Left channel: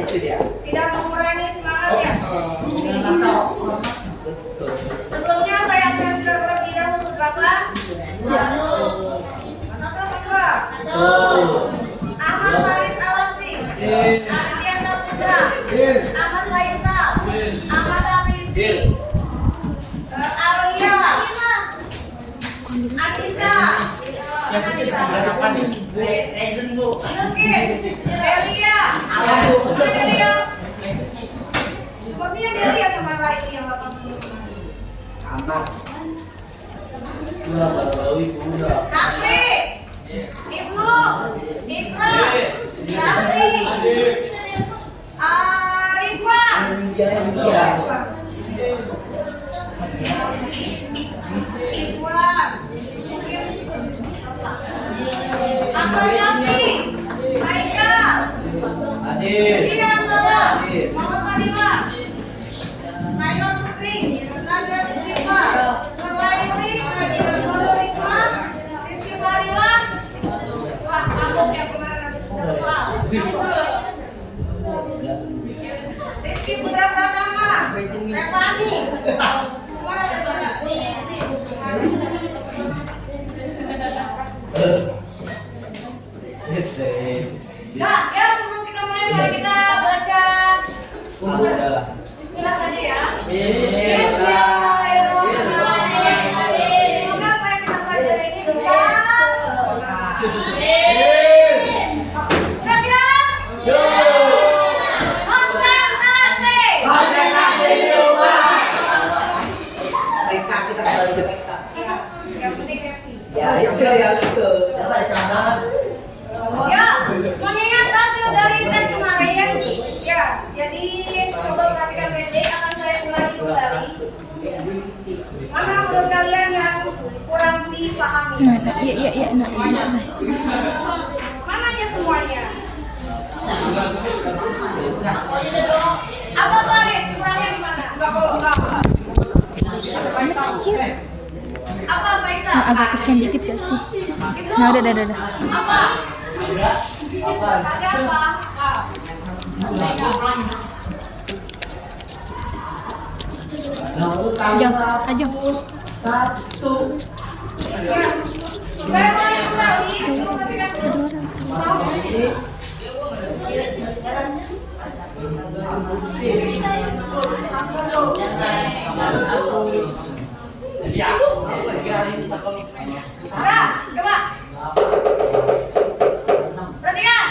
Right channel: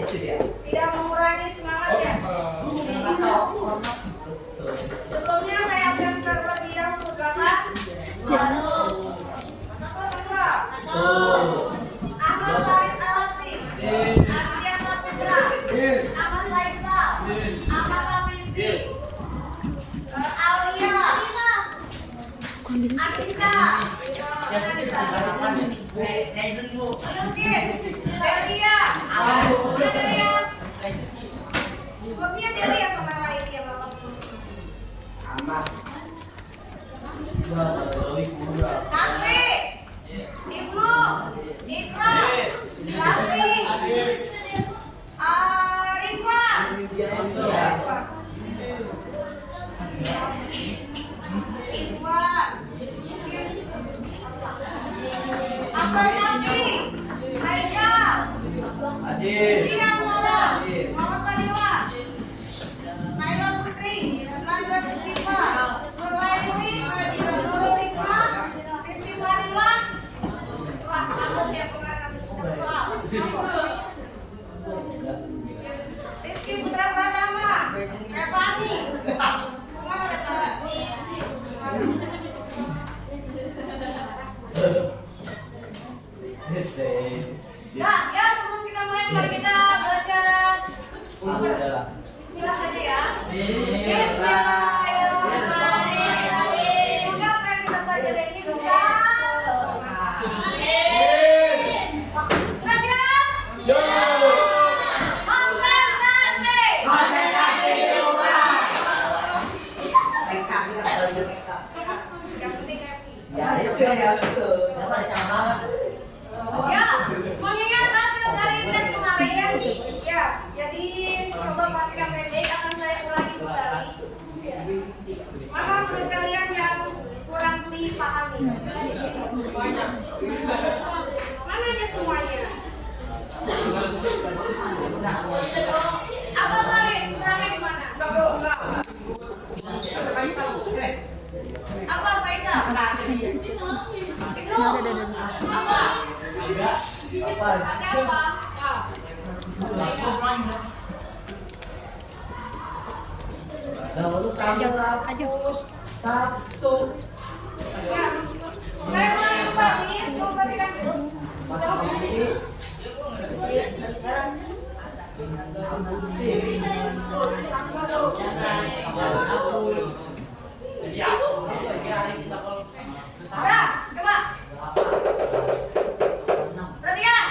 itu dia. Tidak mengurangi semangat ya. Sebelumnya saya akan terlebih dahulu berkata. Ahmad Faris Alaksi, Aditya Saputra, Ahmad Faisal, Ahmad Hafizi, Alia, Anissa, Yukis, Delia, sepertinya Delia sama lain yang 80 kemarin. Afri, Ibnu, Ikra, Afri, Ridwan, Ahmad Nafi, Haikal, Rian Mada, Muhammad Kadima, Naila Putri, Najwa Desima, Nurlaili, Nurul Hikmah, Rizky Barila. Wah, aku yang kemarin habis sekolah. Rizky Putra Pratama, Revani. Kemana Revani? Nah, ya sebelum kita mulai, mari kita baca Bismillah saja ya. Bismillahirrahmanirrahim. Semoga apa yang kita pelajari ini bisa. Sudah siap? Konsentrasi. Yang penting happy. Ya, mengingat hasil dari tes kemarin, ya, jadi coba perhatikan baik-baik, akan saya ulangi kembali. Mana menurut kalian yang kurang dipahami? Mana aja semuanya? Apa Faris? Kurangnya di mana? Apa Faisal? Agak kesian dikit gak sih? Nah, udah. Apa? Ada apa? Ajeng. Satu. Ya. Saya ulangi kembali, coba perhatikan dulu. Ya, coba. Perhatikan.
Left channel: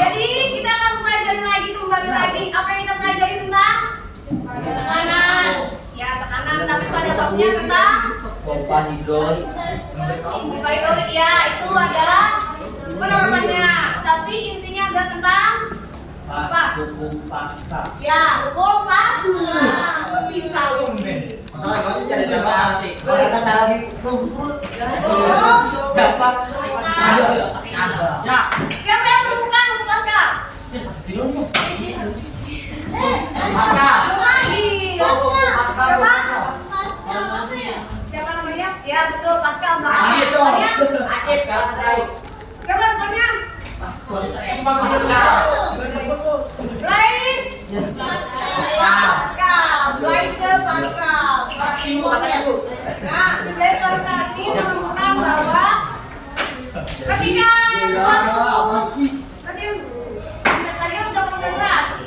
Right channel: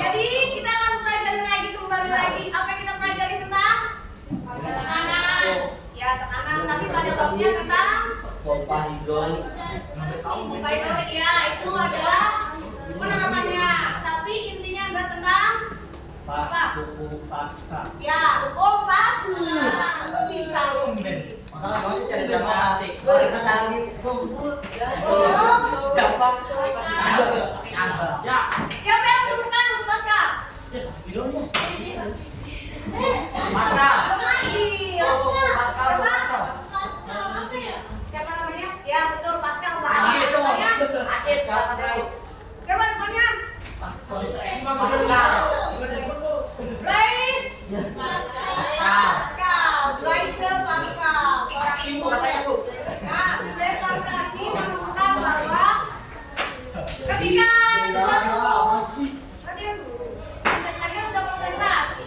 Jadi kita akan pelajari lagi, kembali lagi apa yang kita pelajari tentang tekanan. Ya, tekanan, tapi pada babnya tentang Pompa hidrolik. ya, itu ada penerapannya. Tapi intinya ada tentang apa? Hukum pasca. Ya, hukum pasca. Bisa. Siapa yang menemukan hukum pasca? Belum lagi. Siapa namanya? Ya, betul, Pascal. Siapa namanya? Blaise. Pascal. Nah, dari kawan ini menemukan bahwa ketika kalian udah konsentrasi.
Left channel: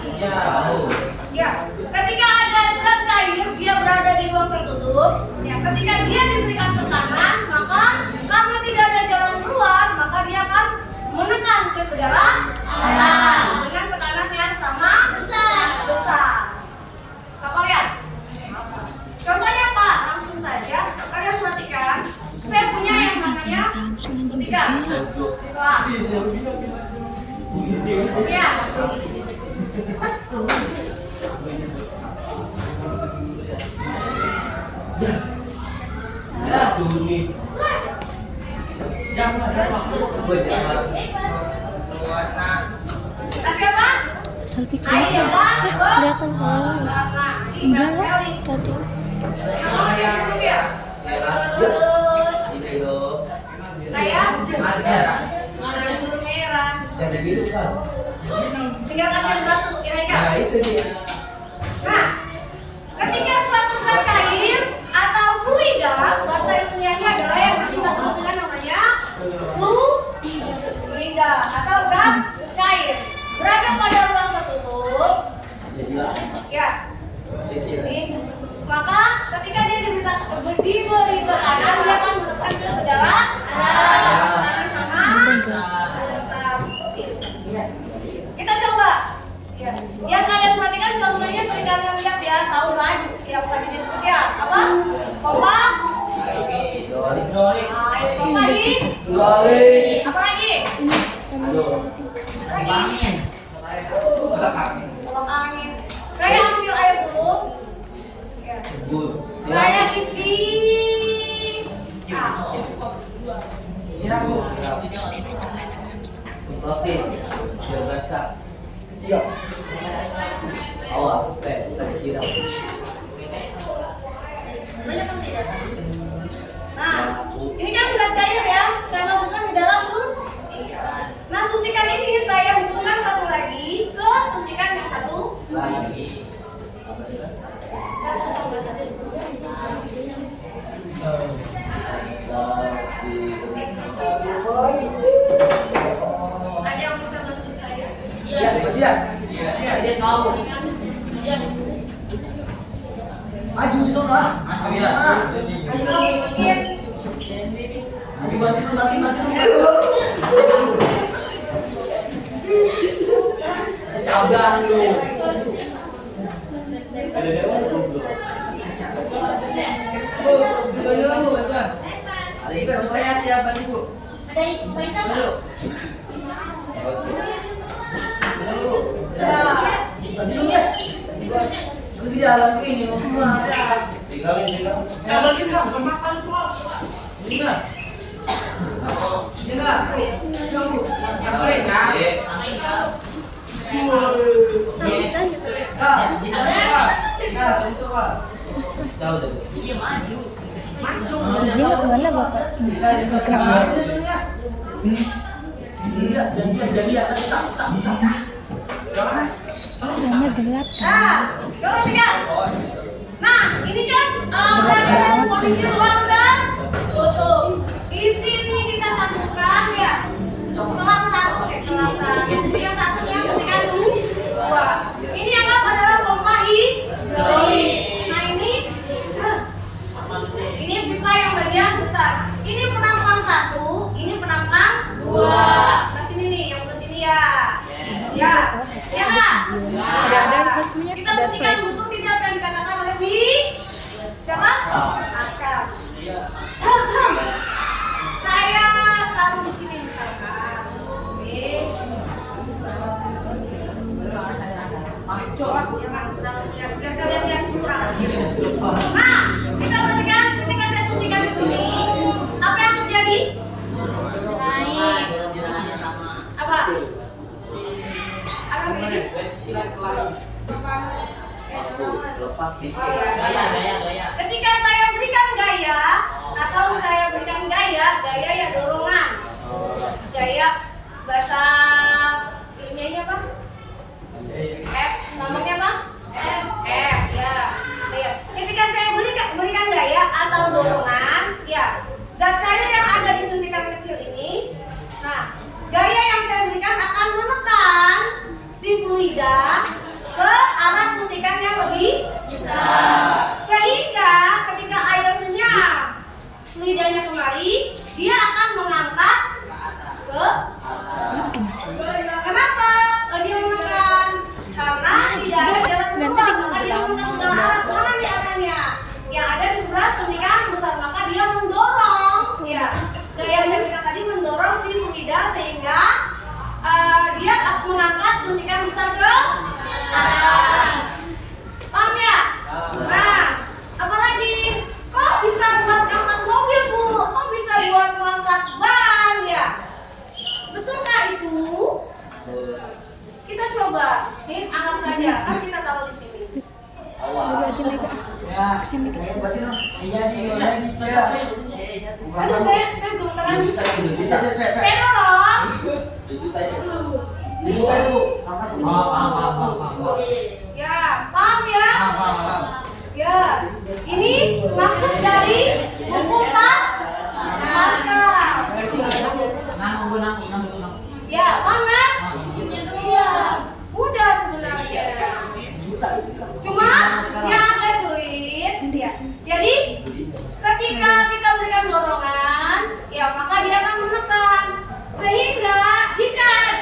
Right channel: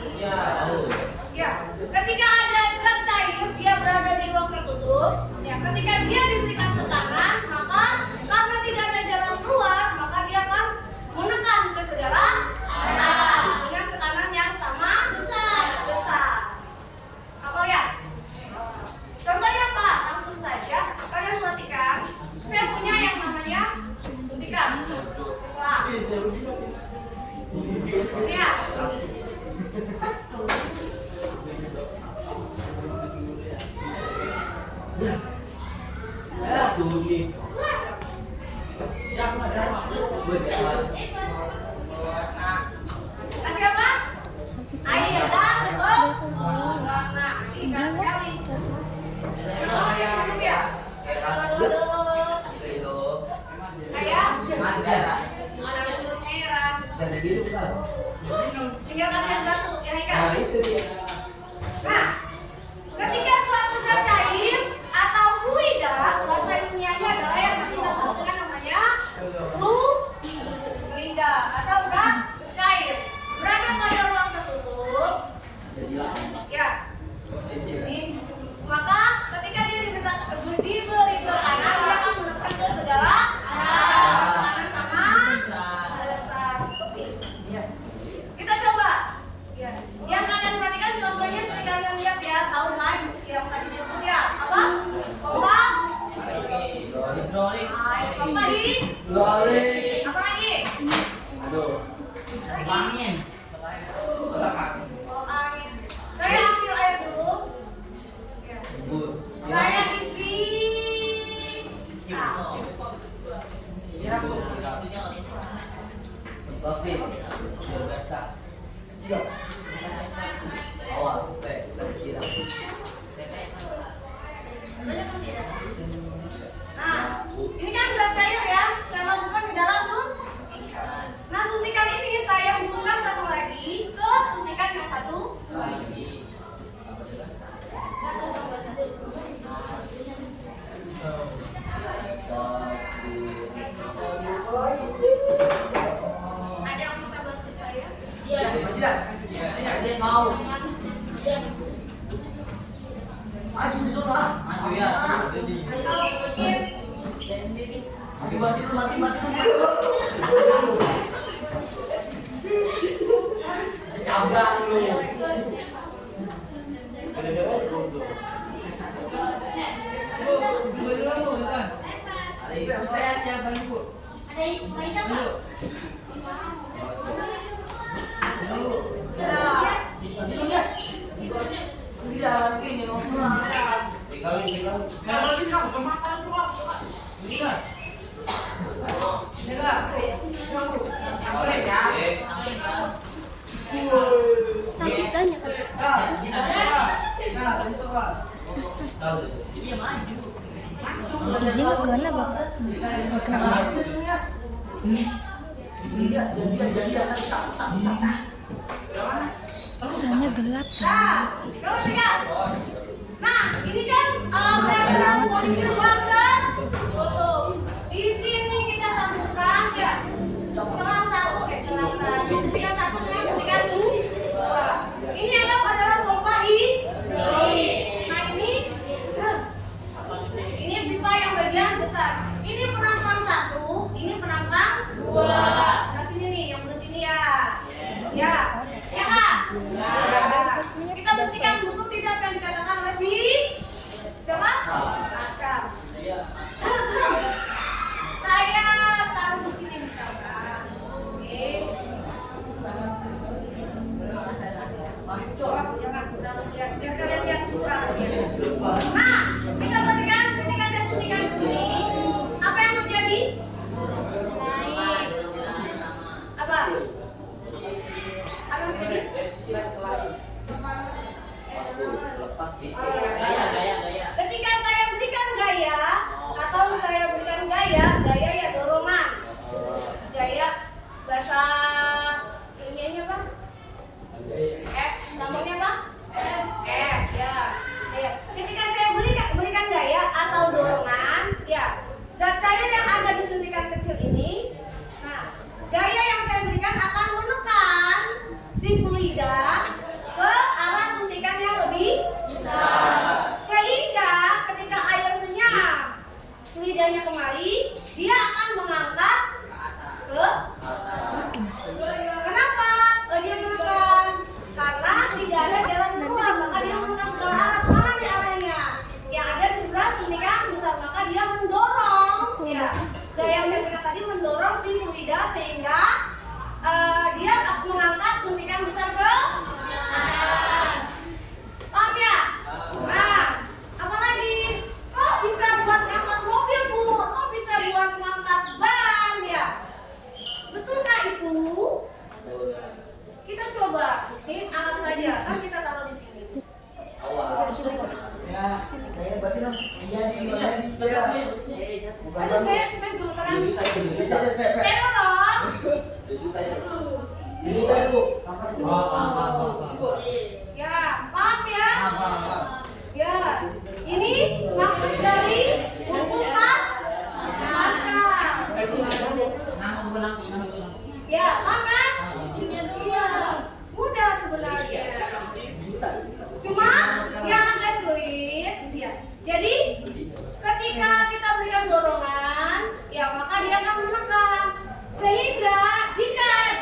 Ya, ketika ada zat cair, dia berada di ruang tertutup. Ya, ketika dia diberikan tekanan, maka karena tidak ada jalan keluar, maka dia akan menekan ke segala arah dengan tekanan yang sama besar. Apa lihat? Contohnya apa? Langsung saja. Kalian perhatikan. Saya punya yang namanya tiga. Ya. Kasih apa? Selfie Air, kelihatan kan? Enggak lah, tadi. Kayak anggur merah. Jadi gitu kan? Tinggal kasih es batu, ya Haikal? Nah, itu dia. Nah, ketika suatu zat cair atau fluida, bahasa ilmiahnya adalah yang nanti kita sebut dengan namanya fluida atau zat cair berada pada ruang tertutup. Ya, ini, maka ketika dia diberi tekanan, dia akan menekan ke segala tekanan sama besar. Kita coba. Ya. Yang kalian perhatikan contohnya sering kalian lihat ya, tahu kan? Yang tadi disebut ya, apa? Pompa. Hidrolik. Air pompa di. Hidrolik. Apa lagi? Aduh. Lagi. Kolak angin. Saya ambil air dulu. Ya. Good. Saya isi. Nah. Semprotin. Biar basah. Iya. Awas, tadi siram. Banyak kan tidak? Nah, ini kan zat cair ya. Saya masukkan di dalam suntikan. Nah, suntikan ini saya hubungkan satu lagi ke suntikan yang satu. Satu tambah satu. Ada yang bisa bantu saya? Dia mau. Maju di sana. Maju ya. Mungkin Bagi. Sabar lu. Saya siap balik Bu. Di dalam ini mau pulang. Tinggalin. Tahu dah. Iya maju. Dia kemana bapak? Jadi Soalnya gelap kan? nah, tiga. Nah, ini kan berada dalam kondisi ruang tertutup. Di sini kita satukan ya. Selang satu, suntikan satu ya, suntikan dua. Ini anggap adalah pompa hidrolik. Nah ini pipa yang bagian besar. Ini penampang satu, ini penampang dua. Nah sini nih, yang bulat ini ya. Ya, ya nggak? Ada sepertinya Kita ada buktikan flash. butuh tidak apa yang dikatakan oleh si siapa? Askar. Saya taruh di sini misalkan. Oke. Acor, biar kalian lihat kurang. Nah, kita perhatikan ketika saya suntikan di sini, apa yang terjadi? Naik. Apa? Apa yang terjadi? lepas gitu. Ketika saya berikan gaya atau saya berikan gaya ya dorongan. Gaya bahasa ilmiahnya apa? Namanya apa? Ya. Gaya. Ketika saya berikan gaya atau dorongan, ya zat cair yang ada di suntikan kecil ini, nah gaya yang saya berikan akan menekan si fluida ke arah suntikan yang lebih besar, sehingga ketika airnya fluidanya kemari, dia akan mengangkat ke kenapa dia menekan? Karena tidak ada jalan keluar, maka dia menekan segala arah. Mana nih arahnya? Yang ada di sebelah suntikan besar, maka dia mendorong, ya gaya yang saya berikan tadi mendorong si fluida sehingga dia akan mengangkat suntikan besar ke atas. Paham ya? Nah, apalagi kok bisa buat angkat mobil Bu? Kok bisa buat mengangkat ban ya? Betulkah itu? Kita coba, nih angkat saja, kan kita taruh di sini. Udah aja Mega. Ya. Kesini. Aduh, saya gemeteran. Saya dorong. Dibuka itu. Paham. Ya, paham ya? Paham. Ya, ini maksud dari buku Pascal. Nang. Ya, mana? Iya, mudah sebenarnya. Cuma yang agak sulit. Ya. Jadi ketika kita berikan dorongan, ya maka dia akan menekan. Sehingga jika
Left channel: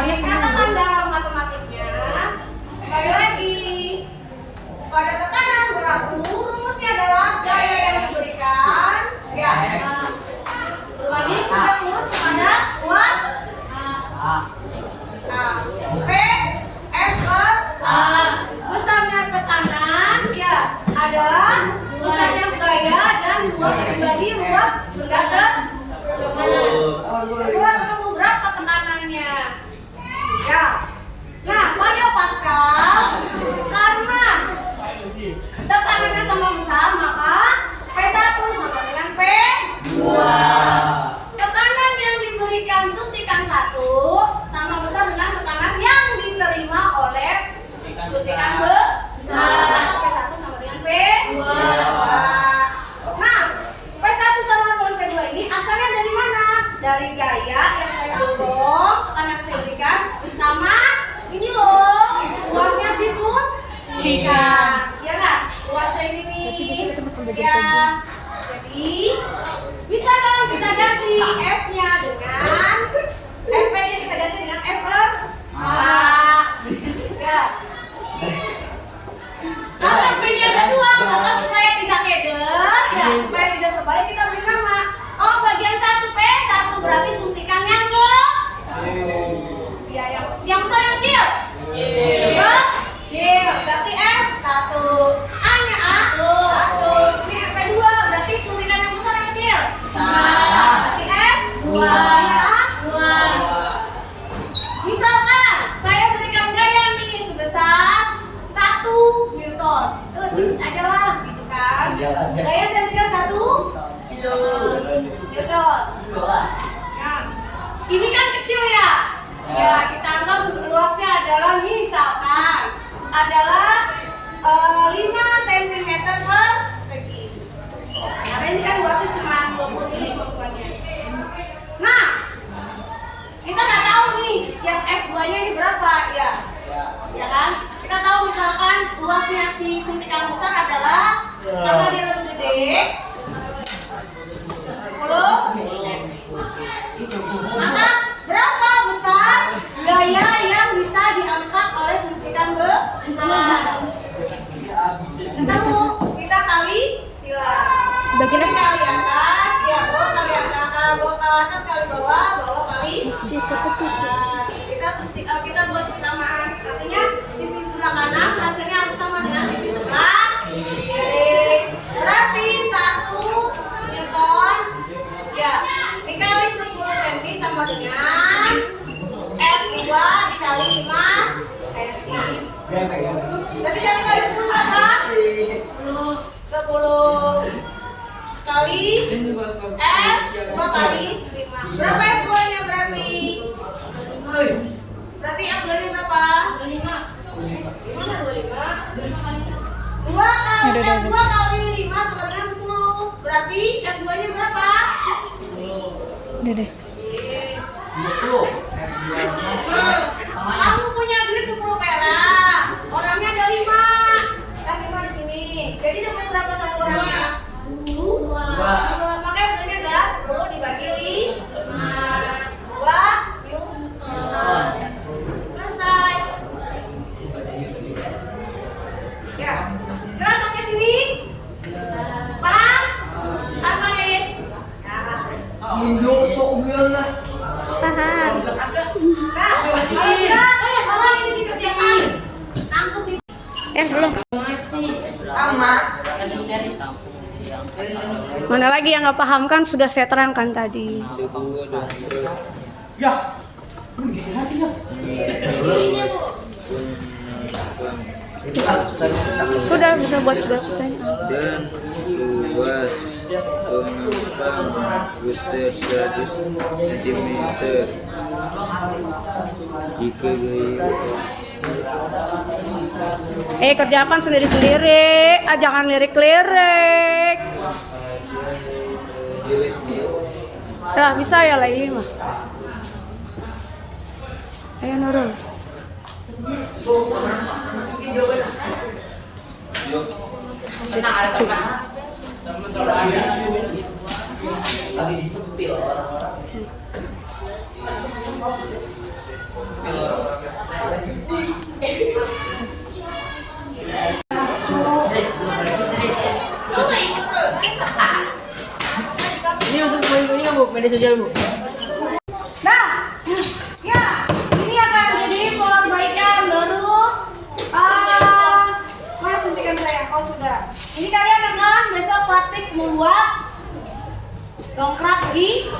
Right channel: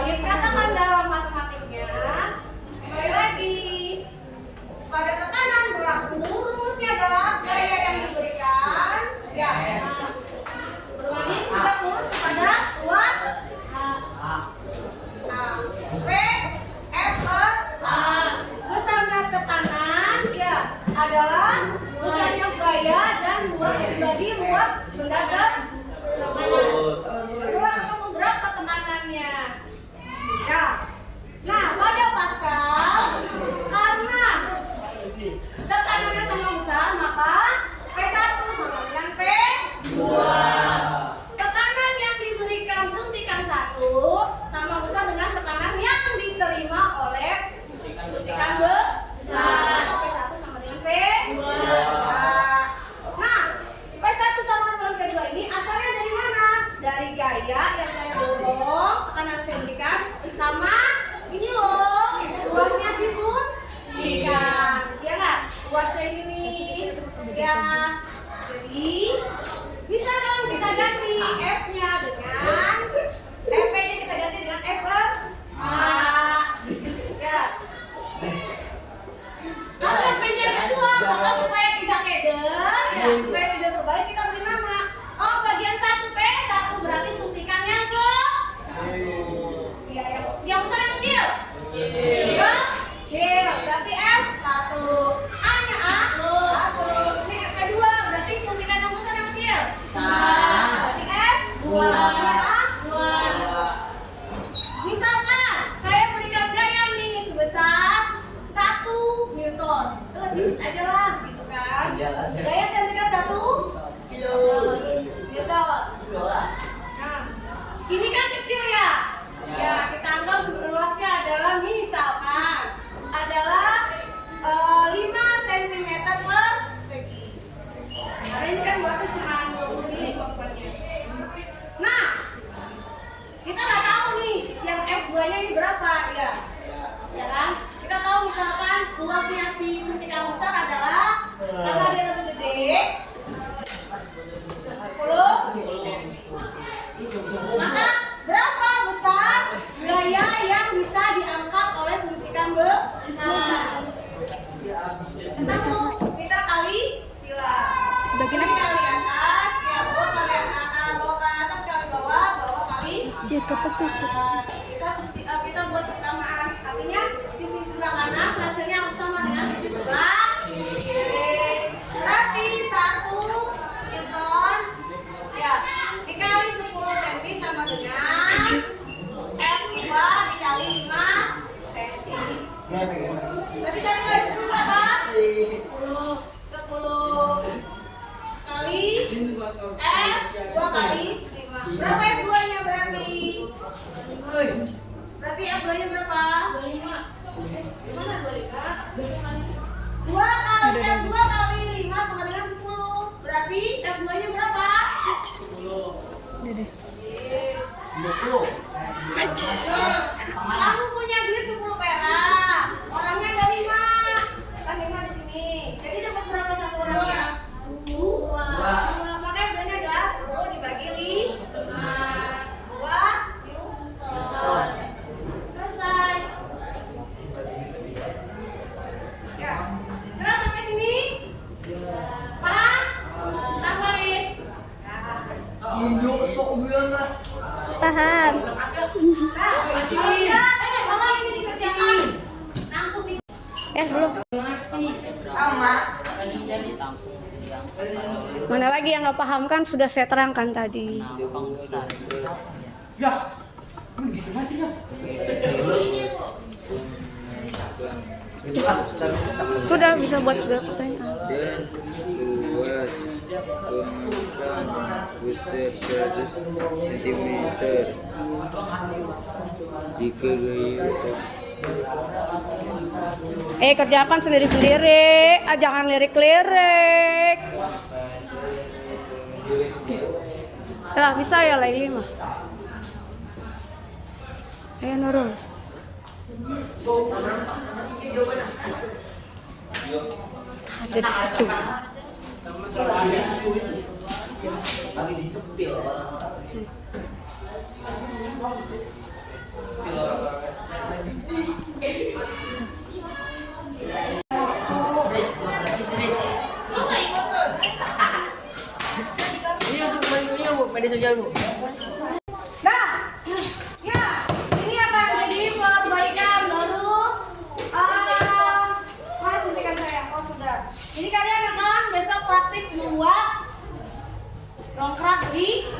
dikatakan dalam matematiknya, sekali lagi pada tekanan berlaku rumusnya adalah gaya yang diberikan, ya. Lagi kita urus kepada luas P F per A. Besarnya tekanan ya adalah besarnya gaya dan 2 dibagi luas berdasar 10. Kurang ketemu berapa tekanannya? Ya. Nah, pada Pascal karena tekanannya sama besar maka P1 sama dengan P2. Tekanan yang diberikan suntikan 1 sama besar dengan tekanan yang diterima oleh suntikan besar. Maka P1 sama dengan P2. Nah, P1 sama dengan P2 ini asalnya dari mana? Dari gaya yang saya dorong, tekanan yang saya berikan sama ini loh, luasnya si suntikan. Ya nggak? Luasnya ini nih. Ya. Jadi bisa dong kita ganti F-nya dengan FP-nya kita ganti dengan F per A. Ya. Kalau P-nya ada 2, maka supaya tidak keder, ya, supaya tidak terbalik kita beri nama. Oh, bagian 1 P1 berarti suntikannya ya, yang besar yang kecil. Kecil. Berarti F1. A-nya A. 1. Ini F2 berarti suntikan yang besar yang kecil. Berarti F2. Misalkan saya berikan gaya nih sebesar 1 Newton. Tipis aja lah gitu kan. Gaya saya berikan 1 Newton. Nah, ini kan kecil ya. Ya, kita anggap luasnya adalah misalkan adalah 5 cm persegi. Karena ini kan luasnya cuma 20 mili kemampuannya. Nah, kita nggak tahu nih yang F2-nya ini berapa ya. Ya kan? Kita tahu misalkan luasnya si suntikan besar adalah karena dia lebih gede 10. Maka berapa besar gaya yang bisa diangkat oleh suntikan besar? Ketemu, kita kali sila. Sebagian Ini kali atas, ya bawah kali atas, bawah ke atas kali bawah, bawah kali atas. Kita buat persamaan. Artinya sisi sebelah kanan hasilnya harus sama dengan sisi sebelah kiri. Berarti 1 Newton ya dikali 10 cm sama dengan F2 dikali 5 cm. Berarti satu kali 10 berapa? 10 kali F 2 kali 5. Berapa F2 nya berarti? Berarti F2 nya berapa? 25. Gimana 25? 2 kali 5 sama dengan 10. Berarti F2 nya berapa? Dede. 20. Kamu punya duit 10 perak. Orangnya ada 5. Kan 5 di sini. Jadi dapat berapa satu orangnya? 2. Makanya F2-nya adalah 10 dibagi 5. 2 Newton. Selesai. Ya. Keras sampai sini? Paham? Apa, Riz? Indo sok lah. Paham. Nah, kalau ini dikerjakan langsung di Belum. Sama. Mana lagi yang nggak paham kan sudah saya terangkan tadi. Sudah bisa buat pertanyaan. Dan luas pengembang besar 100 cm jika gaya Kerjakan sendiri-sendiri, jangan lirik-lirik. Ya, bisa ya Laili mah. Ayo Nurul. Lagi disepil orang-orang. Ini langsung ini nggak bu, media sosial bu. Nah, ya, ini akan jadi perbaikan baru. Mana suntikan saya? Oh sudah. Ini kalian akan besok praktik membuat dongkrak di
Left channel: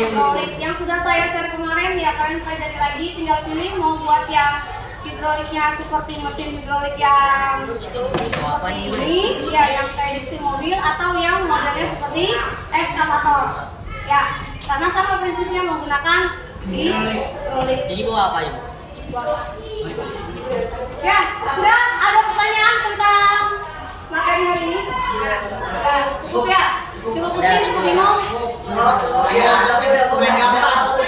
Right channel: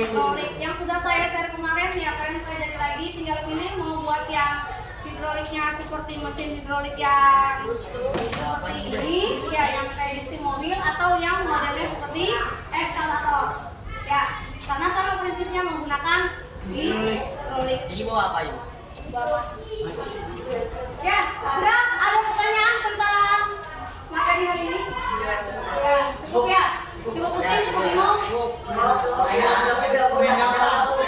hidrolik yang sudah saya share kemarin. Ya kalian pelajari lagi, tinggal pilih mau buat yang hidroliknya seperti mesin hidrolik yang seperti ini, ya yang kayak di steam mobil, atau yang modelnya seperti ekskavator. Ya, karena sama prinsipnya menggunakan hidrolik. Jadi bawa apa ya? Ya, sudah ada pertanyaan tentang materi hari ini? Ya, cukup ya? Cukup pusing, cukup bingung? Saya udah main apa?